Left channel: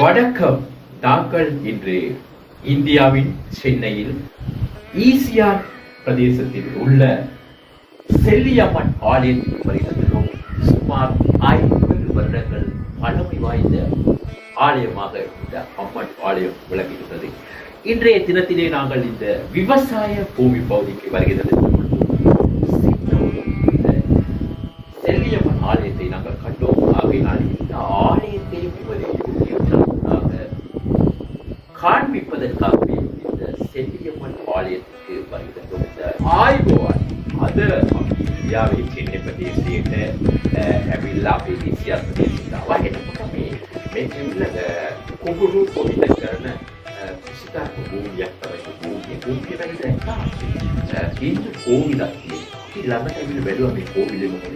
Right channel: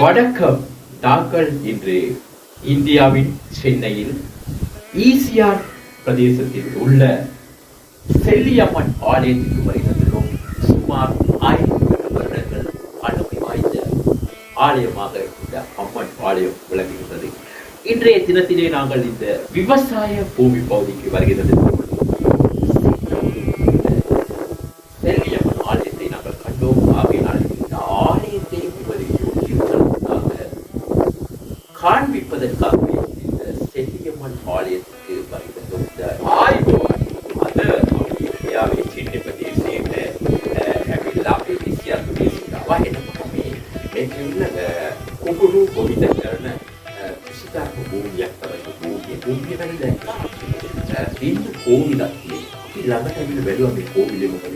வணக்கம். நாங்கள் இன்று இந்தியாவின் சென்னையில் ஈசிஆர் பிரதேசத்தில் உள்ள செல்லியம்மன் ஆலயத்திற்கு வருகின்றோம். சுமார் 50 வருடங்கள் பழமை வாய்ந்த ஆலயமாக இந்த அம்மன் ஆலயம் விளங்குகின்றது. இன்றைய தினத்திலே நாங்கள் இந்த விவசாய பூமி பகுதிக்கு வருகிறது. செல்லியம்மன் ஆலயத்தை நாங்கள் கண்டோம். ஆகையினால் இந்த ஆலயத்தை காண்பிப்பதற்காகவே இந்த செல்லியம்மன் ஆலயத்துக்கு வருகின்றோம். இந்த ஆய்வு அது ඉන්දියාවේ සිටින ප්‍රදේශයක ඇවිල්ලා අපේ ඊසියා ප්‍රදේශයට ආවා. එතකොට මේ කිව්ල කුඹුරු පොඩිට කරන කුසිකාර භූමියක් තමයි භූමිය වෙන දැක්කා. හින්දු කෝවිලක් තියෙනවා. අපි ළඟට ඇවිල්ලා බැලුවා මේ කෝවිලේ මොකද